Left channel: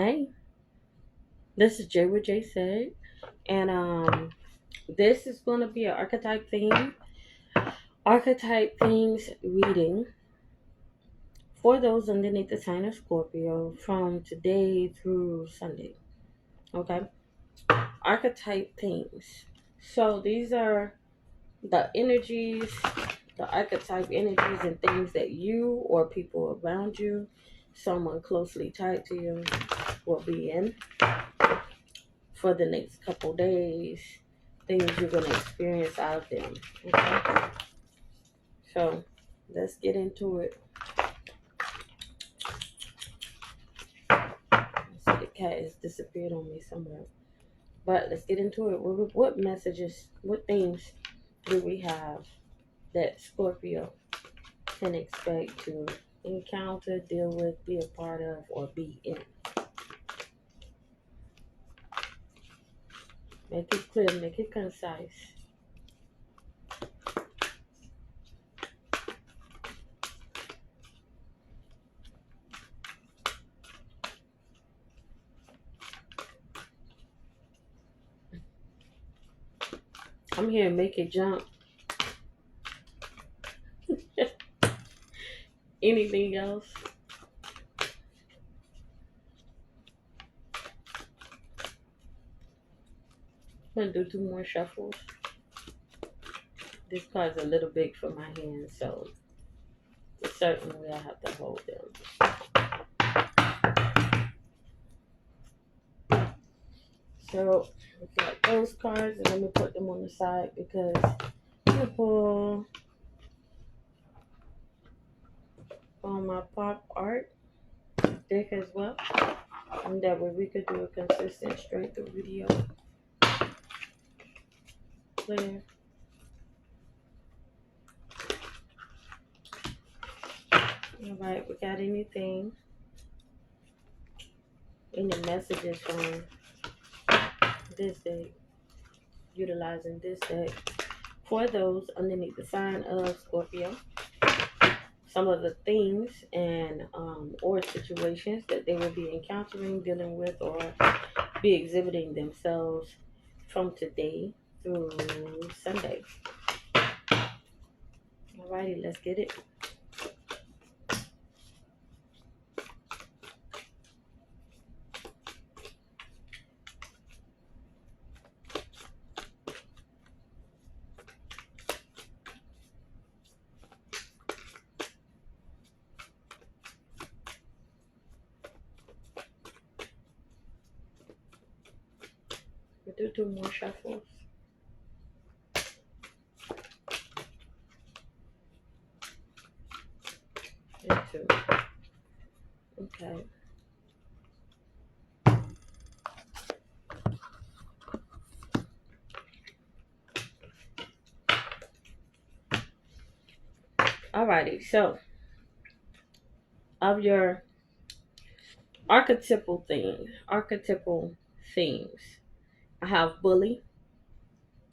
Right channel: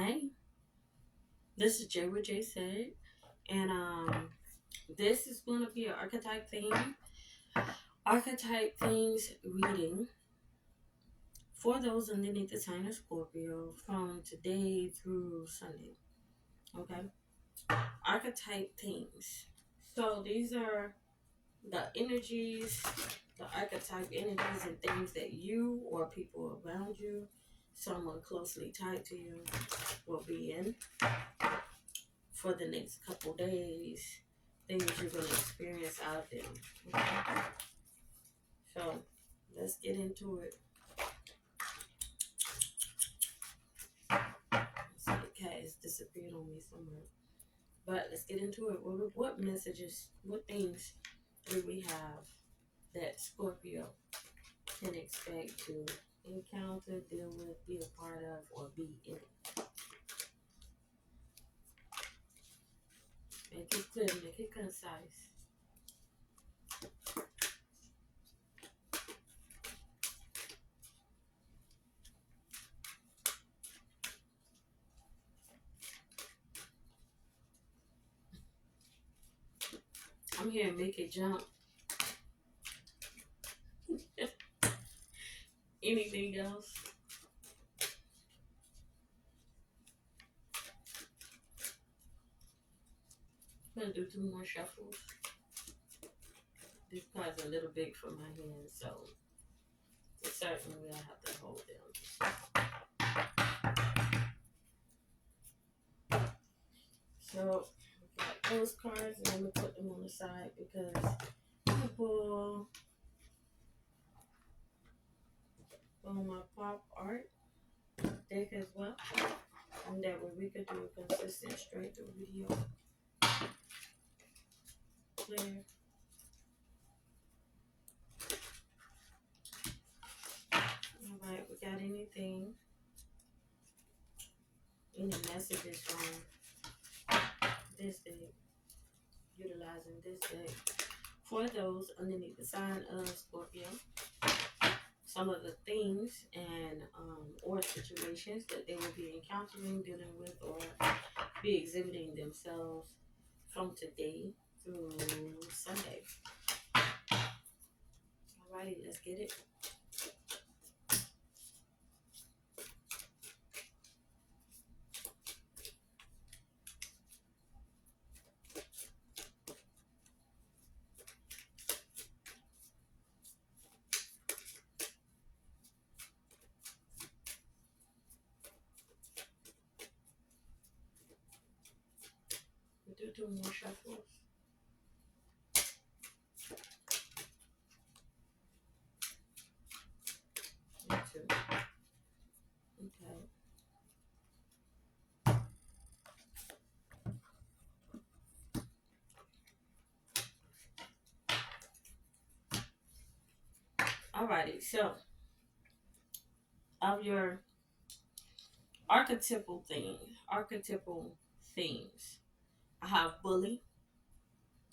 Hey, this is Jay with Jay said, and this is going to be an archetype things reading for those underneath the sign of Scorpio from today through Sunday. Okay, archetype things. So these are the energies, the archetype energies and things that you or people around you, someone closely tied to you, will be in for the next couple days, things you're going to experience out of them. Okay? So let's get into it. I see the cat has disappeared on me somewhere. But let's get into it. What messages, what things do we have that Scorpio can expect to encounter, deal with, be a part of, or be in? Make it clear, make it concise. I'm here to make it jump. Anything else? I'm going to do two more shuffles. This card's a little big for my hands, so certainly I have to hold them. So we got those cards, and let me put them on the side because I'm gonna pull on my pop art deck as well, and that way we could do a consistent straight through video. Clear. All right, we got anything? Any messages from this deck? Utilizing this deck for those underneath the sign of Scorpio. Some of the things and or situations that they will be encountering, dealing with, or be exhibiting themselves from today through Sunday. Alrighty, let's get it. We'll do two more shuffles. And two. Okay. Alrighty, so of your archetypal themes, I have bully.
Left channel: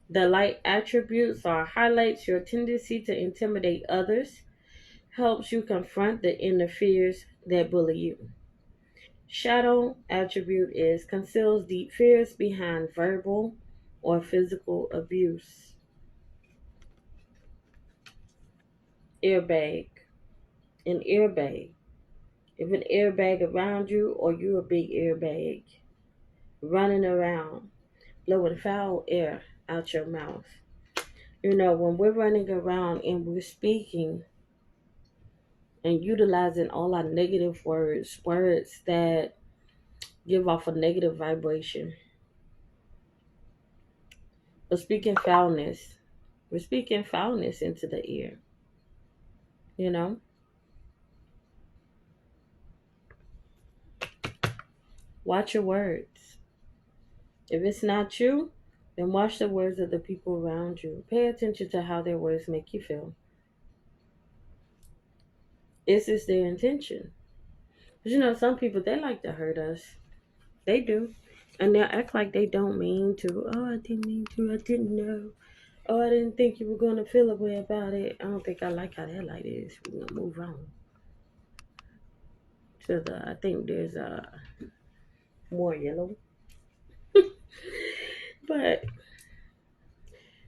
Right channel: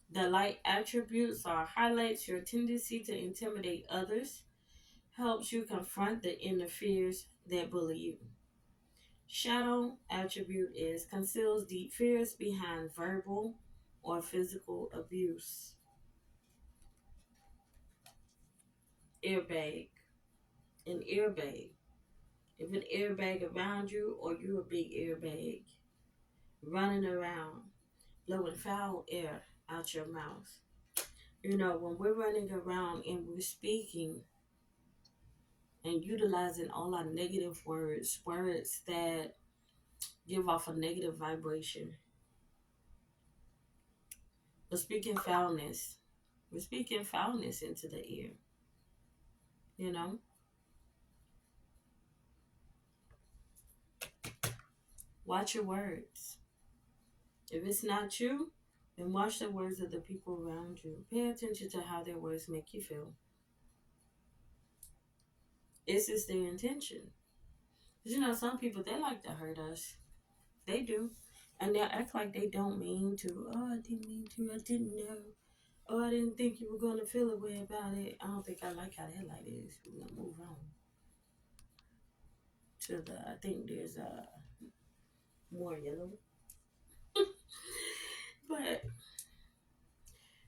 The light attributes are highlights your tendency to intimidate others, helps you confront the inner fears that bully you. Shadow attribute is conceals deep fears behind verbal or physical abuse. Airbag. An airbag. If an airbag around you or you a big airbag running around, blowing foul air out your mouth. You know, when we're running around and we're speaking and utilizing all our negative words that give off a negative vibration, we're speaking foulness. We're speaking foulness into the ear, you know? Watch your words. If it's not you, then watch the words of the people around you. Pay attention to how their words make you feel. Is this their intention? Because you know, some people, they like to hurt us. They do. And they'll act like they don't mean to. Oh, I didn't mean to. I didn't know. Oh, I didn't think you were going to feel a way about it. I don't think I like how that light is. We're going to move on to I think there's a more yellow. But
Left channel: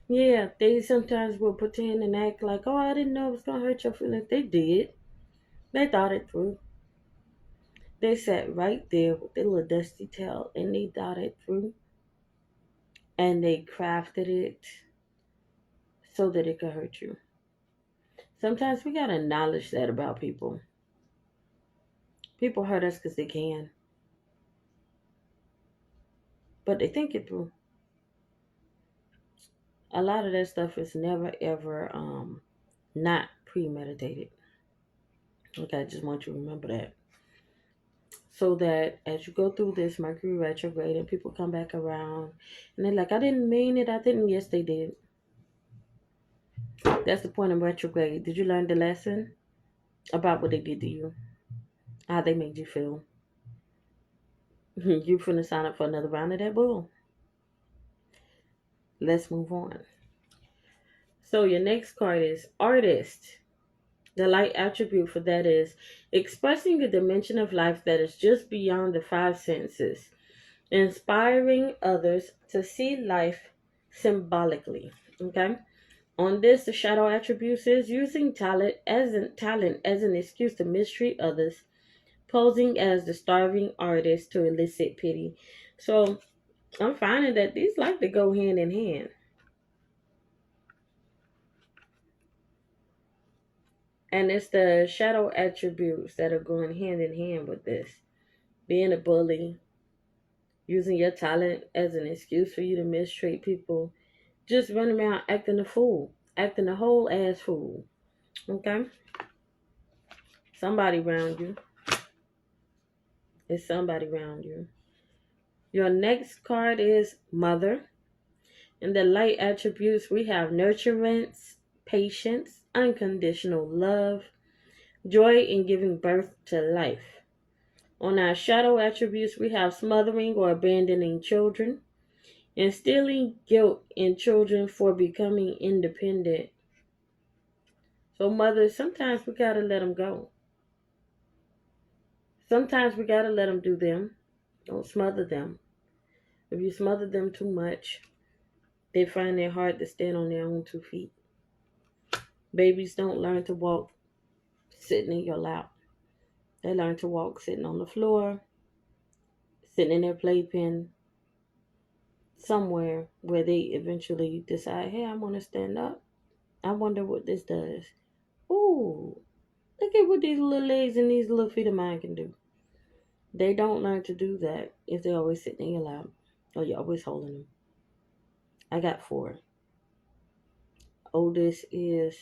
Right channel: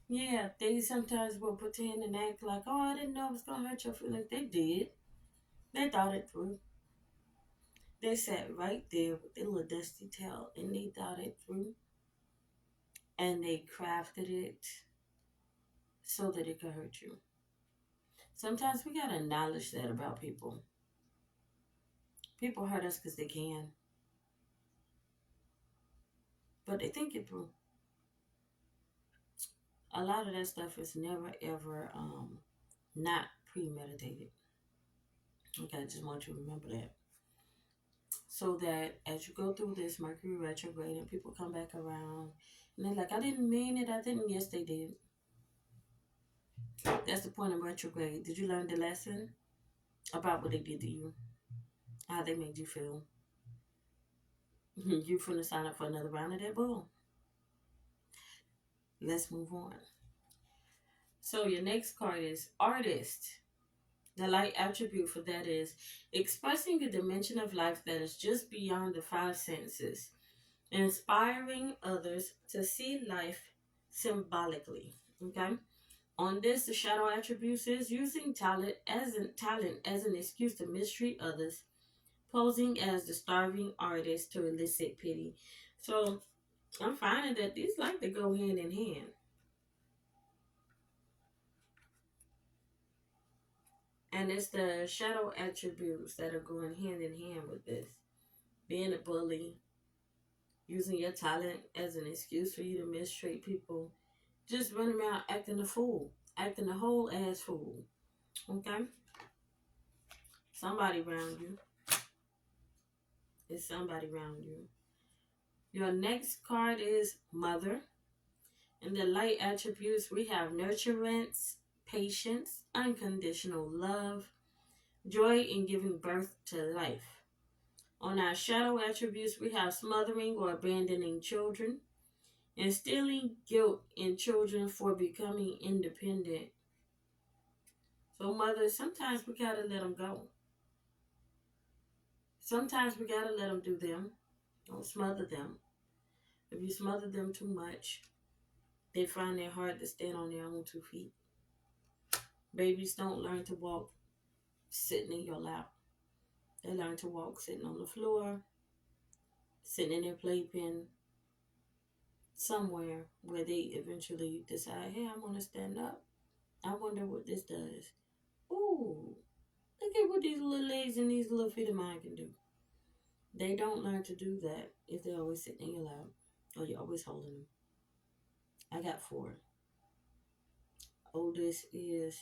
yeah, they sometimes will pretend and act like, oh, I didn't know it was gonna hurt your feelings. They did. They thought it through. They sat right there with their little dusty tail and they thought it through and they crafted it so that it could hurt you. Sometimes we gotta acknowledge that about people. People hurt us because they can, but they think it through. A lot of that stuff is never ever not premeditated. Okay, I just want you to remember that. So that as you go through this Mercury retrograde and people come back around and they're like, I didn't mean it, I didn't. Yes, they did. That's the point of retrograde. Did you learn the lesson about what they did to you? How they made you feel? You finna sign up for another round of that bull. Let's move on. So your next card is artist. The light attribute for that is expressing a dimension of life that is just beyond the five senses, inspiring others to see life symbolically. Okay. On this, the shadow attributes is using talent as an excuse to mistreat others, posing as the starving artist to elicit pity. So I'm finding that these like to go hand in hand. And it's the shadow attributes that are going hand in hand with this. Being a bully, using your talent as an excuse for you to mistreat people, just running around acting a fool, acting a whole ass fool. Okay? Somebody around you. It's somebody around you. Your next card is Mother. In the light attributes, we have nurturance, patience, unconditional love, joy in giving birth to life. On our shadow attributes, we have smothering or abandoning children, instilling guilt in children for becoming independent. So, mothers, sometimes we gotta let them go. Sometimes we gotta let them do them. Don't smother them. If you smother them too much, they find it hard to stand on their own 2 feet. Babies don't learn to walk sitting in your lap. They learn to walk sitting on the floor, sitting in their playpen, somewhere where they eventually decide, hey, I want to stand up. I wonder what this does. Ooh, look at what these little legs and these little feet of mine can do. They don't learn to do that if they're always sitting in your lap or you're always holding them. I got 4. Oldest is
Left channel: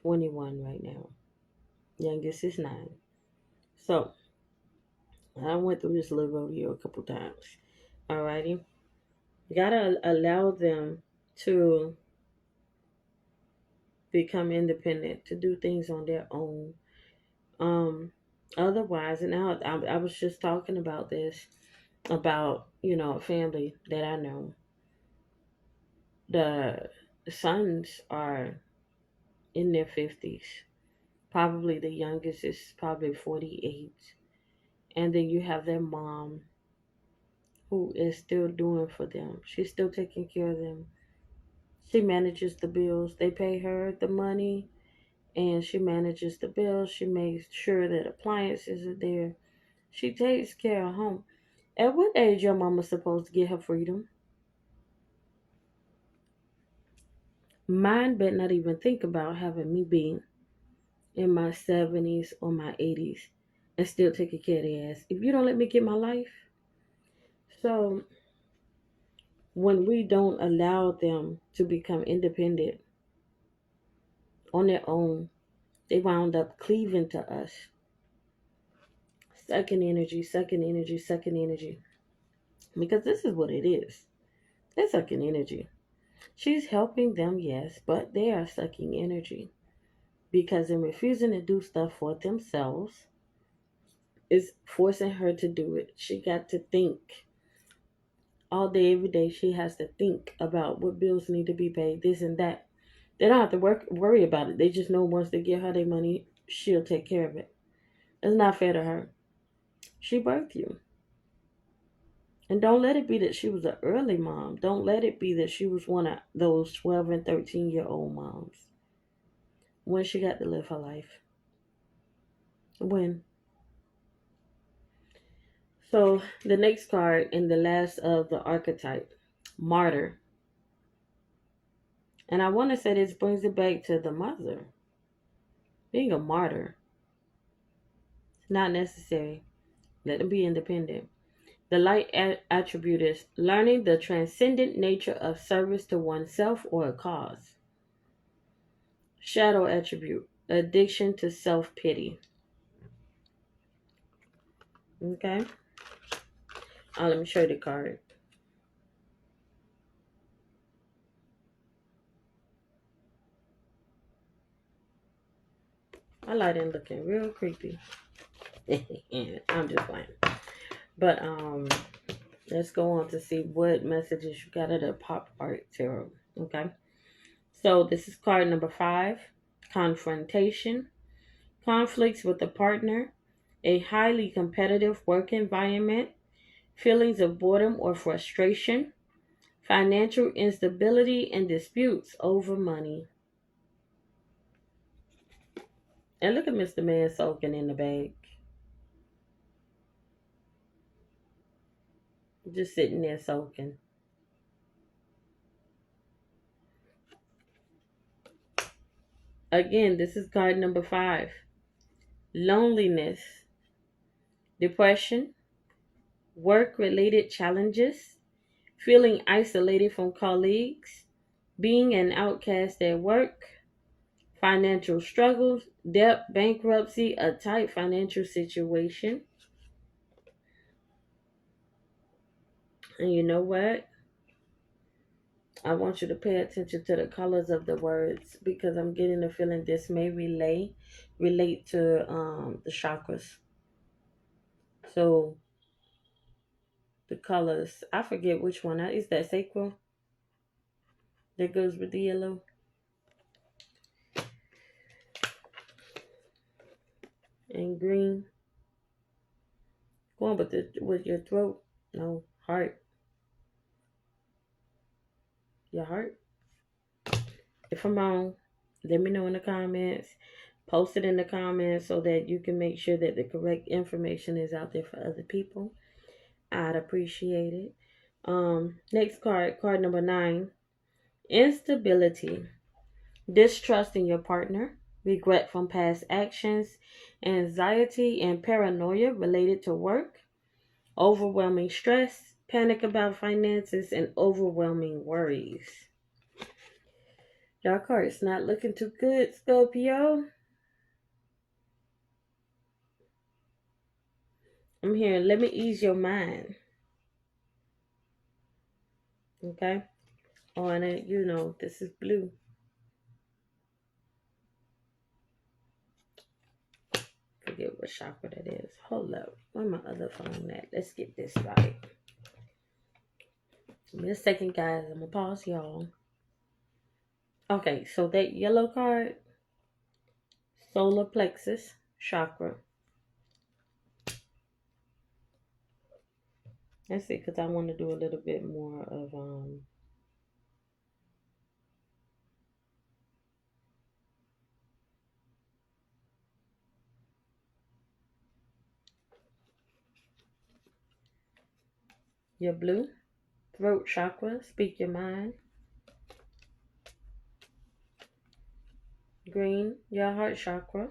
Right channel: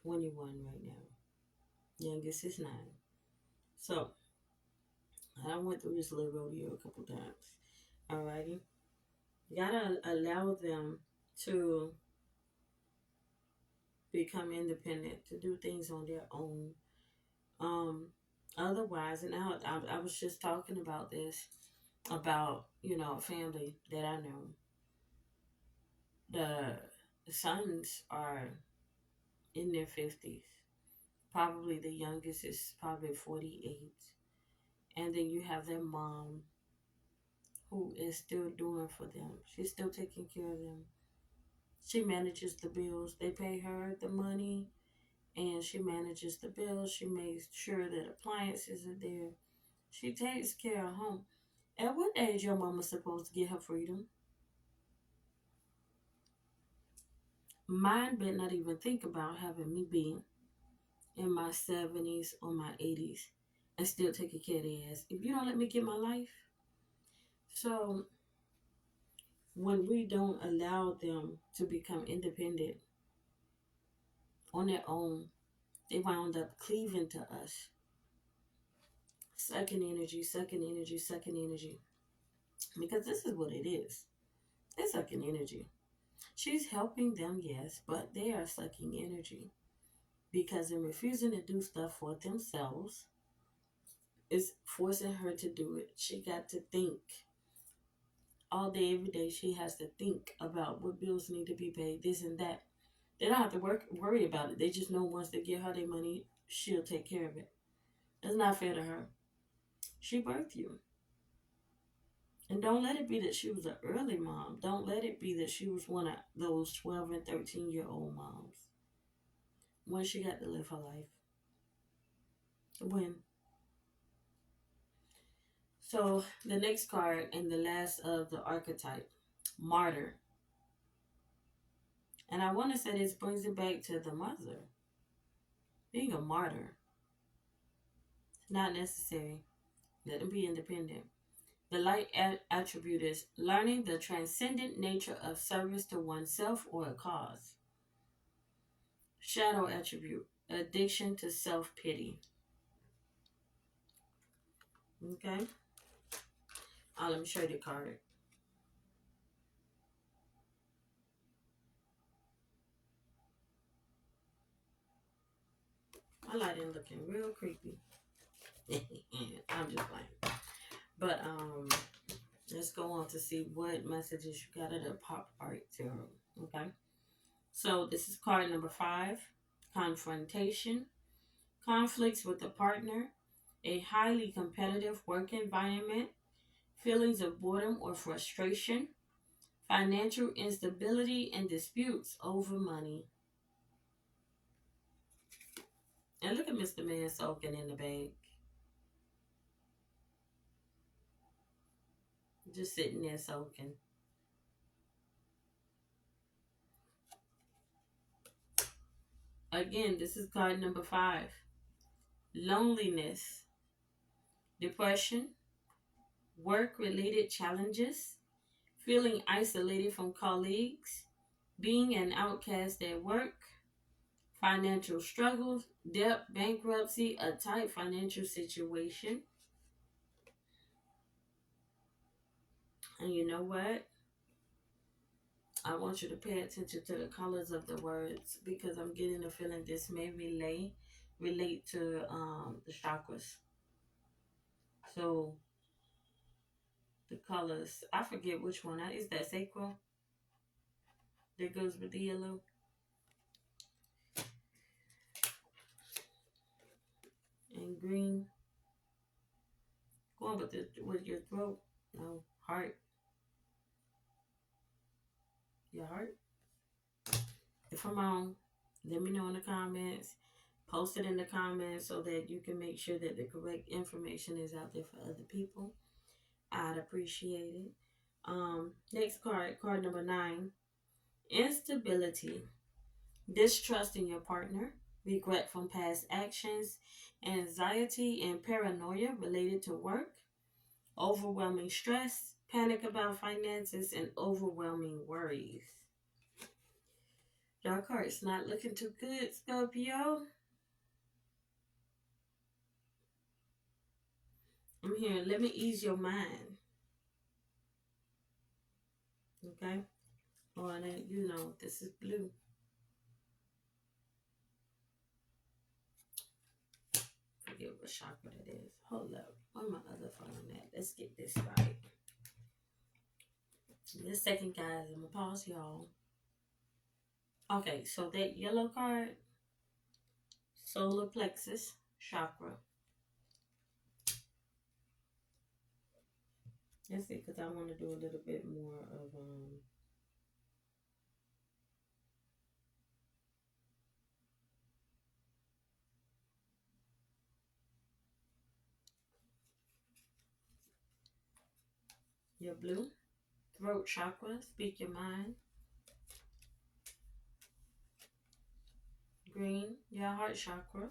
21 right now. Youngest is 9. So, I went through this little rodeo a couple times. Alrighty. You gotta allow them to become independent, to do things on their own. Um, Otherwise, and I was just talking about this, about, a family that I know. The sons are in their 50s. Probably the youngest is probably 48. And then you have their mom who is still doing for them. She's still taking care of them. She manages the bills. They pay her the money and she manages the bills. She makes sure that appliances are there. She takes care of home. At what age your mama supposed to get her freedom? Mine better not even think about having me be in my 70s or my 80s and still taking care of their ass. If you don't let me get my life. So when we don't allow them to become independent on their own, they wound up cleaving to us. Sucking energy, sucking energy, sucking energy. Because this is what it is. They're sucking energy. She's helping them, yes, but they are sucking energy. Because in refusing to do stuff for themselves, is forcing her to do it. She got to think all day, every day. She has to think about what bills need to be paid, this and that. They don't have to worry about it. They just know once they get her their money, she'll take care of it. It's not fair to her. She birthed you. And don't let it be that she was an early mom. Don't let it be that she was one of those 12 and 13-year-old moms. When she got to live her life. When? So the next card and the last of the archetype, martyr. And I want to say this brings it back to the mother. Being a martyr. It's not necessary. Let them be independent. The light attribute is learning the transcendent nature of service to oneself or a cause. Shadow attribute, addiction to self pity. Okay. Let me show you the card. My lighting looking real creepy. I'm just playing. But let's go on to see what messages you got at the pop art tarot. Okay. So this is card number 5. Confrontation. Conflicts with a partner. A highly competitive work environment. Feelings of boredom or frustration. Financial instability and disputes over money. And look at Mr. Man soaking in the bag. Just sitting there soaking. Again, this is card number 5. Loneliness, depression, work related challenges, feeling isolated from colleagues, being an outcast at work, financial struggles, debt, bankruptcy, a tight financial situation. And you know what? I want you to pay attention to the colors of the words because I'm getting the feeling this may relate to the chakras. So the colors, I forget which one. Is that sacral that goes with the yellow? And green. Go on with your throat. No, heart. Your heart. If I'm wrong, let me know in the comments. Post it in the comments so that you can make sure that the correct information is out there for other people. I'd appreciate it. Next card, card number 9. Instability. Distrust in your partner. Regret from past actions. Anxiety and paranoia related to work. Overwhelming stress. Panic about finances and overwhelming worries. Your card's not looking too good, Scorpio. I'm here. Let me ease your mind. Okay? Oh, and it, this is blue. Forget what chakra that is. Hold up. Where my other phone at? Let's get this right. Give me a second, guys. I'm going to pause y'all. Okay, so that yellow card, solar plexus chakra. Let's see, because I want to do a little bit more of your blue, throat chakra, speak your mind. Green, your heart chakra.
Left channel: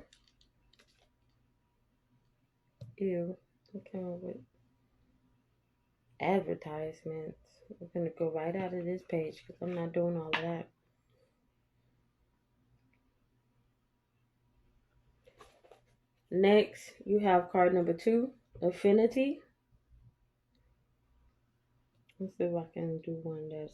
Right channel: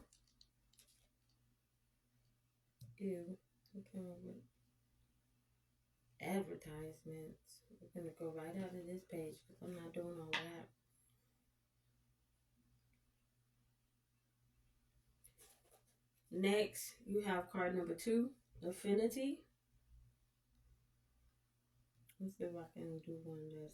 Ew, okay, with advertisements. We're going to go right out of this page because I'm not doing all of that. Next, you have card number 2, affinity. Let's see if I can do one that's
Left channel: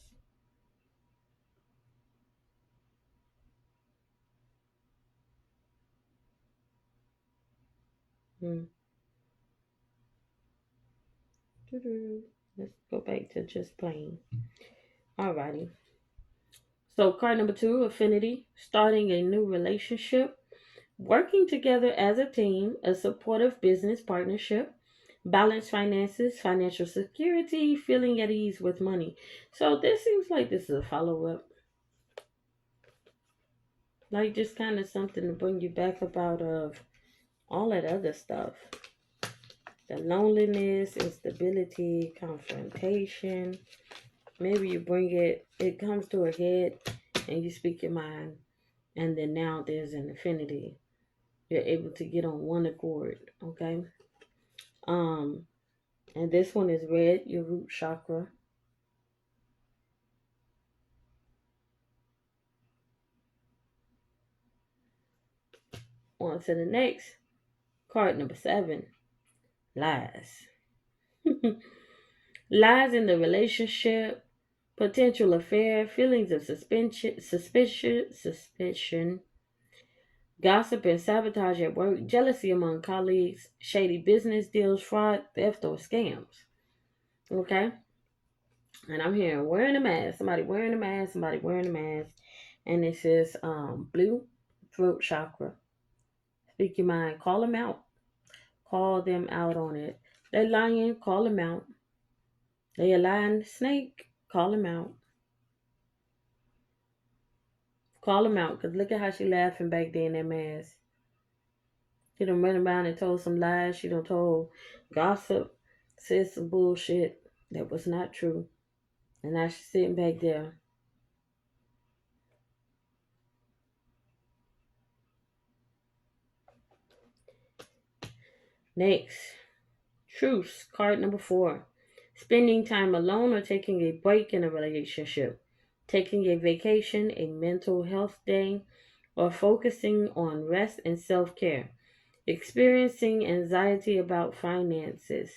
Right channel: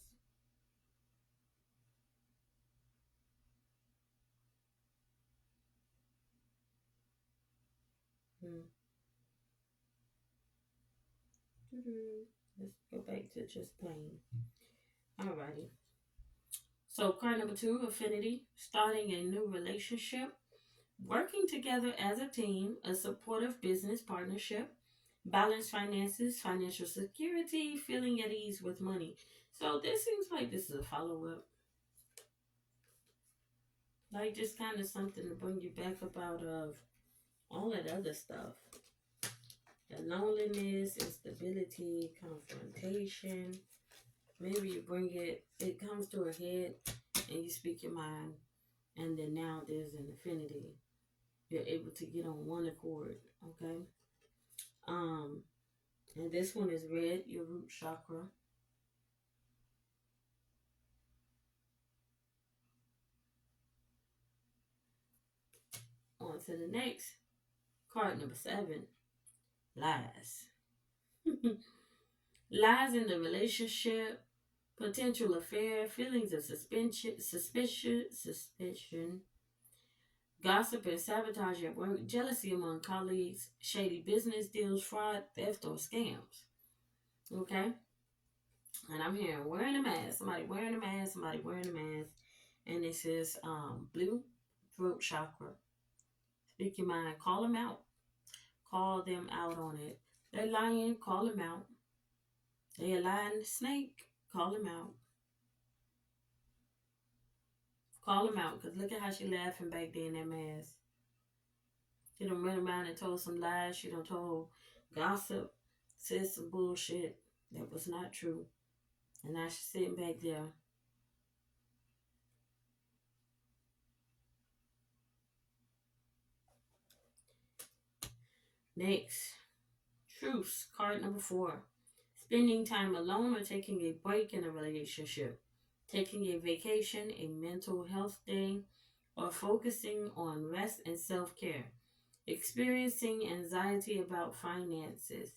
Let's go back to just plain. Alrighty. So card number 2, affinity, starting a new relationship, working together as a team, a supportive business partnership, Balanced finances, financial security, feeling at ease with money. So this seems like this is a follow up, like just kind of something to bring you back about of all that other stuff. The loneliness, instability, confrontation. Maybe you bring it comes to a head and you speak your mind, and then now there's an affinity. You're able to get on one accord, okay? Um, and this one is red, your root chakra. On to the next card, number 7, lies. Lies in the relationship, potential affair, feelings of suspicion, gossip and sabotage at work, jealousy among colleagues, shady business deals, fraud, theft, or scams. Okay? And I'm hearing wearing a mask, somebody wearing a mask, somebody wearing a mask. And it says blue throat chakra. Speak your mind, call them out. Call them out on it. They lying, call them out. They a lying snake, call them out. Call them out, because look at how she laughing back there in that mask. She done run around and told some lies. She done told gossip, said some bullshit that was not true. And now she's sitting back there. Next, truce, card number 4. Spending time alone or taking a break in a relationship. Taking a vacation, a mental health day, or focusing on rest and self care. Experiencing anxiety about finances.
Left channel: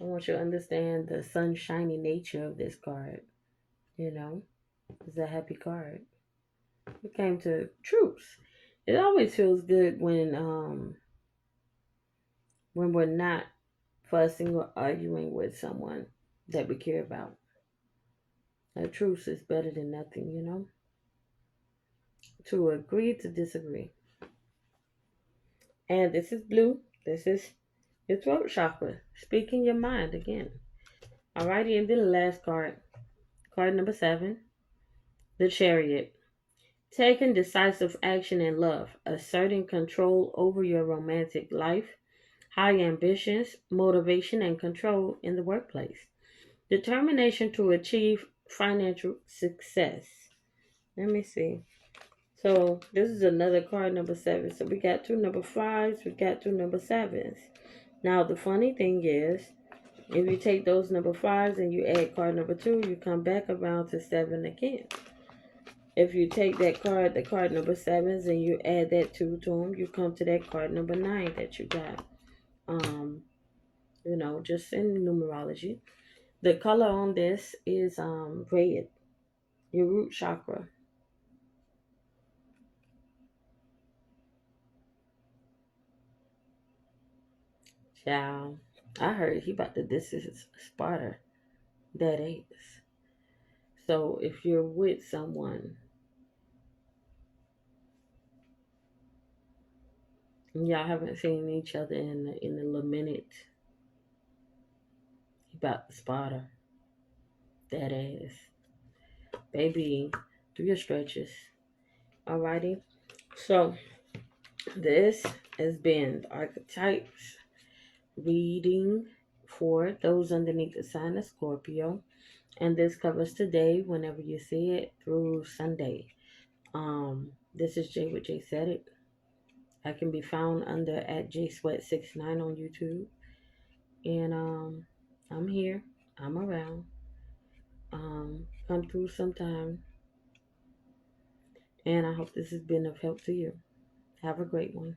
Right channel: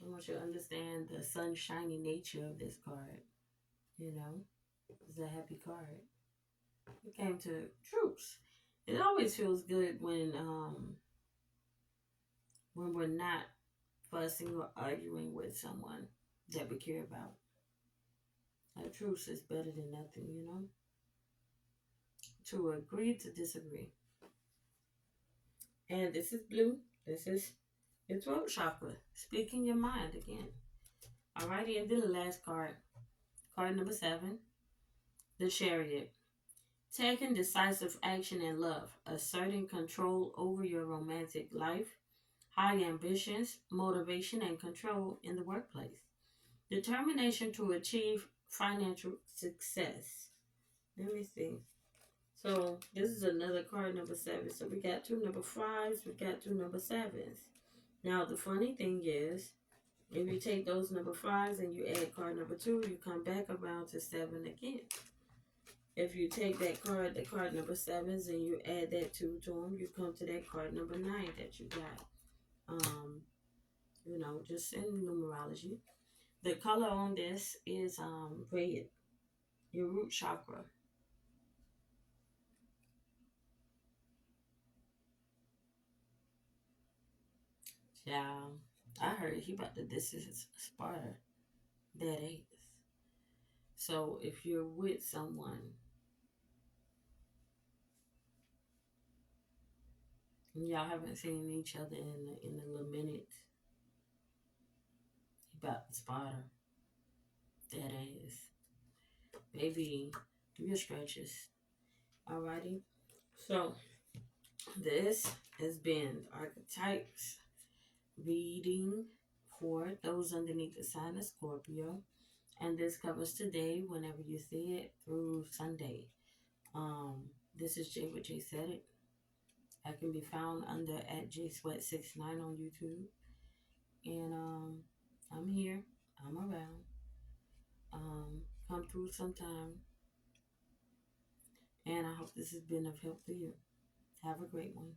I want you to understand the sunshiny nature of this card. You know, it's a happy card. It came to truce. It always feels good when we're not fussing or arguing with someone that we care about. A truce is better than nothing, you know? To agree to disagree. And this is blue. This is your throat chakra. Speaking your mind again. Alrighty, and then the last card. Card number 7. The Chariot. Taking decisive action in love. Asserting control over your romantic life. High ambitions, motivation, and control in the workplace. Determination to achieve financial success. Let me see. So this is another card, number 7. So we got 2 number 5s, we got 2 number 7s. Now the funny thing is, if you take those number 5s and you add card number 2, you come back around to 7 again. If you take that card, the card number 7s, and you add that 2 to them, you come to that card number 9 that you got. Just in numerology. The color on this is red, your root chakra. Child, I heard he about to this is Sparta. That is. So if you're with someone and y'all haven't seen each other in a little minute, he about to Sparta. That ass. Baby, do your stretches. Alrighty. So this has been the archetypes reading for those underneath the sign of Scorpio. And this covers today, whenever you see it, through Sunday. This is Jay with Jsaidit. I can be found under at Jsweat69 on YouTube. And I'm here. I'm around. Come through sometime. And I hope this has been of help to you. Have a great one.